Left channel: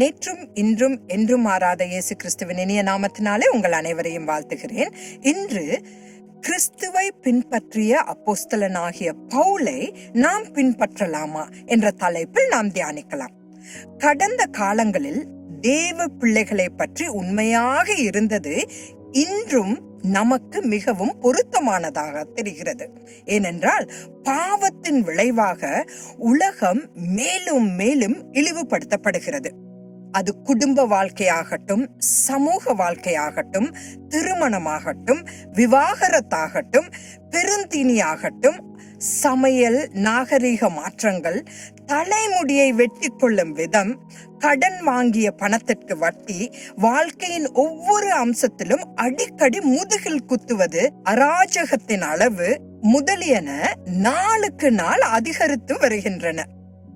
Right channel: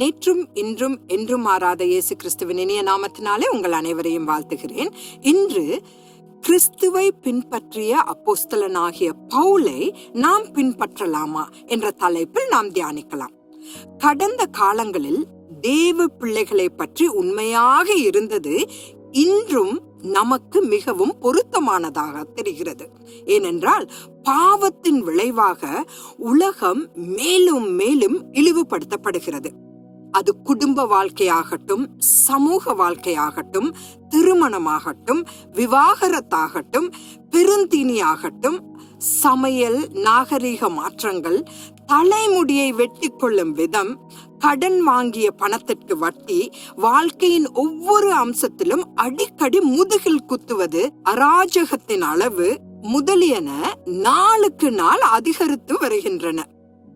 நேற்றும் இன்றும் என்றும் மாறாத இயேசு கிறிஸ்துவின் இனிய நாமத்தினாலே உங்கள் அனைவரையும் வாழ்த்துகிறேன். இன்று கிறிஸ்துவை பின்பற்றிய அப்போஸ்தலனாகிய பவுலை நாம் பின்பற்றலாமா என்ற தலைப்பில் நாம் தியானிக்கலாம். கடந்த காலங்களில் தேவ பிள்ளைகளை பற்றி உண்மையாக இருந்தது இன்றும் நமக்கு மிகவும் பொருத்தமானதாக தெரிகிறது. ஏனென்றால் பாவத்தின் விளைவாக உலகம் மேலும் மேலும் இழிவுபடுத்தப்படுகிறது. அது குடும்ப வாழ்க்கையாகட்டும் சமூக வாழ்க்கையாகட்டும் திருமணமாகட்டும் விவாகரத்தாகட்டும் பெருந்தீனியாகட்டும் சமையல் நாகரிக மாற்றங்கள் தலைமுடியை வெட்டி கொள்ளும் விதம் கடன் வாங்கிய பணத்திற்கு வட்டி வாழ்க்கையின் ஒவ்வொரு அம்சத்திலும் அடிக்கடி முதுகில் குத்துவது அராஜகத்தின் அளவு முதலியன நாளுக்கு நாள் அதிகரித்து வருகின்றன.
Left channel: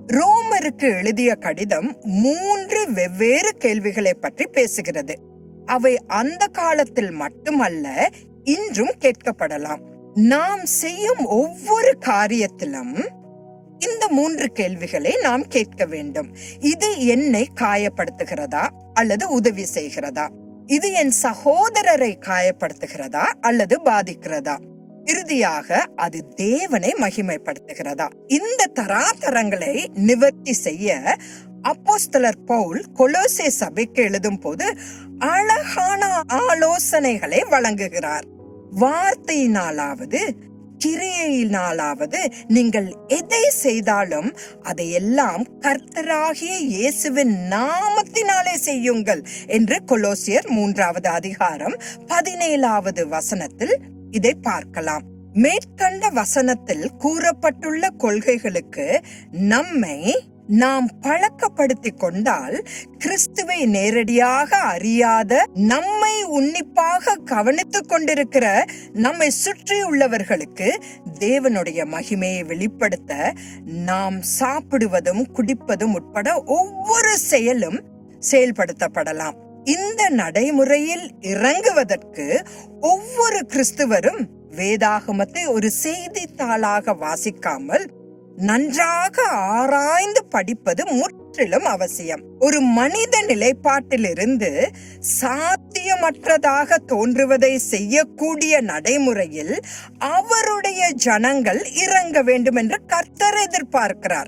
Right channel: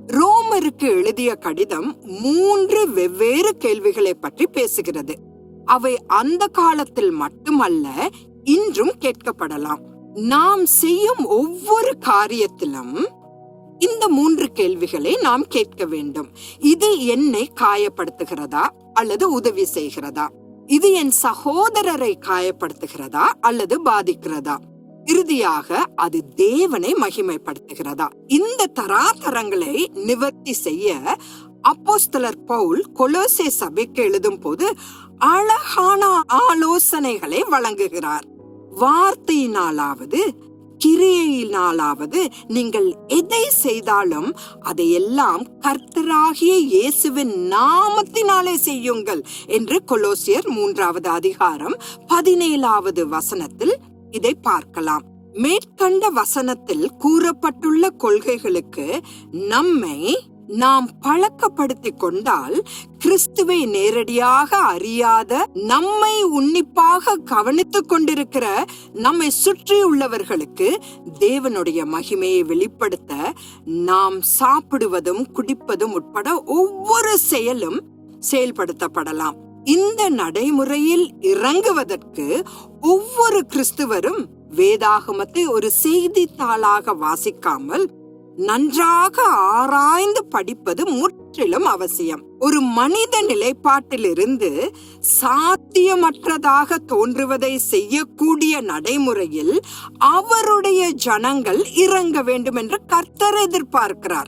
ரோமருக்கு எழுதிய கடிதம் மூன்று வெவ்வேறு கேள்விகளை பற்றி பேசுகிறது. அவை அந்த காலத்தில் மட்டுமல்ல இன்றும் கேட்கப்படலாம். நாம் செய்யும் ஒவ்வொரு காரியத்திலும் இந்த மூன்று கேள்விகளை நாம் கேட்க வேண்டும். இது என்னை காயப்படுத்துகிறதா அல்லது உதவி செய்கிறதா? இது என் சகோதரரை காயப்படுத்துகிறதா அல்லது பாதிக்கிறதா? இறுதியாக அது தேவனை மகிமைப்படுத்துகிறதா? இந்த தராதரங்களை நிவர்த்தி செய்ய அப்போஸ்தலர் பவுல் கொலோசே சபைக்கு எழுதும் போது அழகான ஆலோசனைகளை வழங்குகிறார். வார்த்தையினாலாவது கிரியையினாலாவது நீங்கள் எதை செய்தாலும் அதையெல்லாம் கர்த்தராகிய இயேசுவின் நாமத்தினாலே செய்யுங்கள் என்று கொலோசியர் மூன்றாவது அதிகாரம் பதினேழாவது வசனத்தில் இதை பார்க்கலாம். மேற்கண்ட வசனத்தில் கூறப்பட்டுள்ள கொள்கைகளுக்கு நம்மை நாம் பழக்கப்படுத்தி கொண்டால் கிறிஸ்துவை நேரடியாக அறியாத நம்மை உன்னிப்பாக கவனித்துக் கொண்டிருக்கிற நம்மை சுற்றி உள்ளவர்களுக்கு தேவனுடைய மகிமையை வெளிப்படுத்த நாம் சாப்பிடுவதும் குடிப்பதும் உட்பட ஒவ்வொரு செயலும் செயல்படுத்தப்படலாம். இந்த நடைமுறையில் இறங்குவதற்கு ஒவ்வொரு கிறிஸ்துவரும் வேதாகமத்தை ஒரு செய்தித்தாளாக வாசிக்காமல் நன்றாக ஆராய்ந்து படிப்பது முற்றிலும் அவசியம். ஒரு மனித நிலைப்பாட்டிலிருந்து சாத்தியமற்றதாக தோன்றுவதை செய்யக்கூடிய நடைமுறையில் அவருடைய ஜனங்கள் இறங்க வேண்டும் என்று கர்த்தர் எதிர்பார்க்கிறார்.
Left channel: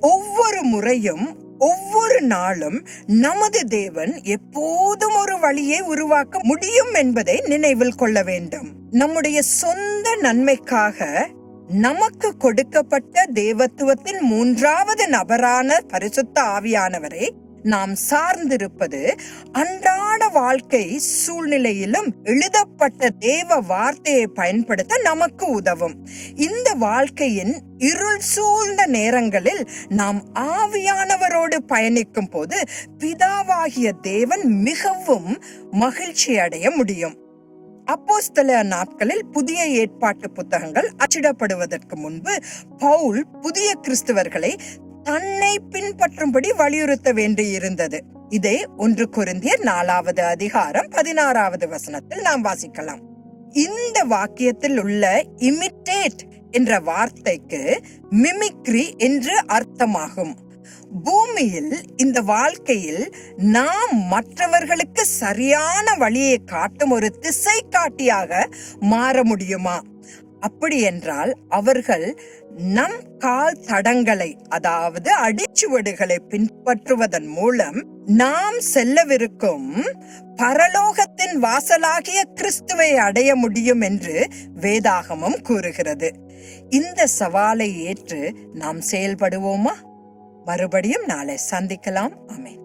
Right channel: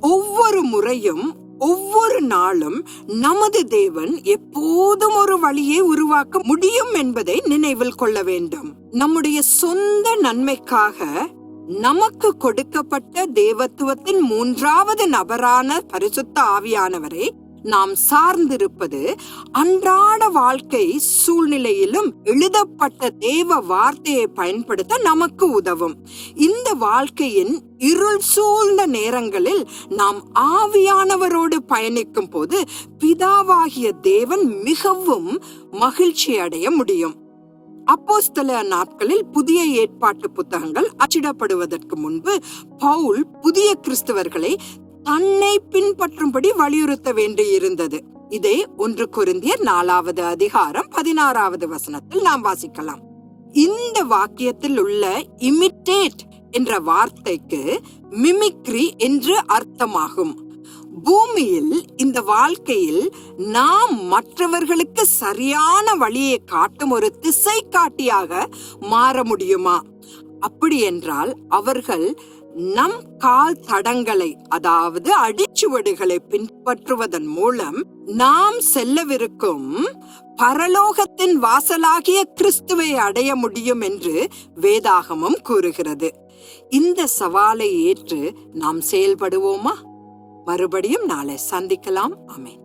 ஒவ்வொரு முறையும் ஒவ்வொரு நாளும் நமது தேவன் எப்போதும் ஒரு வழியை உருவாக்க முடியும் என்பதை நினைவில் கொள்ள வேண்டும். நம்முடைய சொந்த நன்மைக்காக நமக்கு கொடுக்கப்பட்ட தேவத்துவத்தின் மூன்றாவது நபரான பரிசுத்த ஆவியானவரை நாம் சார்ந்திருப்பது அன்றாட வாழ்க்கை சூழ்நிலையிலும் எழுதப்பட்ட தேவ வார்த்தையை பயன்படுத்த நமக்கு உதவும். இந்த வாழ்க்கையின் இருள் சூழ்ந்த நேரங்களில் நாம் ஆவியானவரோடு பயணிக்கும் போது பிதாவாகிய தேவன் மிகவும் மகிழ்ச்சி அடைய முடியும். அப்போஸ்தல நாட்களில் புதிய ஏற்பாட்டு புத்தகங்கள் அச்சிடப்படுவதற்கு முன்பு பவுல் புதிய கிறிஸ்தவர்களை தன்னை பின்பற்றும்படி வலியுறுத்த வேண்டியிருந்தது. இதை ஒன்று குருந்தியர் நாலாவது அதிகாரம் பதினாறாவது வசனத்தில் நாம் வாசிக்கலாம். இந்த வாக்கியத்தில் உள்ள இமிட்டேட் என்ற வார்த்தைக்கு மிமிக்ரி என்று அர்த்தமாகும். பூமியில் இந்த வாழ்க்கையில் நாம் மற்றவர்களுக்கு சரியான வழியை காட்டும் ஒரு திசை காட்டியாக மாற முடியுமா? அப்படி என்றால் அவர்கள் நம் கால் தடங்களை அதாவது அடிச்சுவடுகளை பின்பற்றுவதன் மூலம் நாம் செல்லவிருக்கும் பரலோகத்தின் வாசலாகிய கிறிஸ்துவை அடைய முடியும் என்று வேதாகமம் கூறுகிறது. இந்த சவாலை ஏற்று நாம் செயல்படுவோமா? மறுபடியும் நாளை சந்திக்கலாம். அமேன்.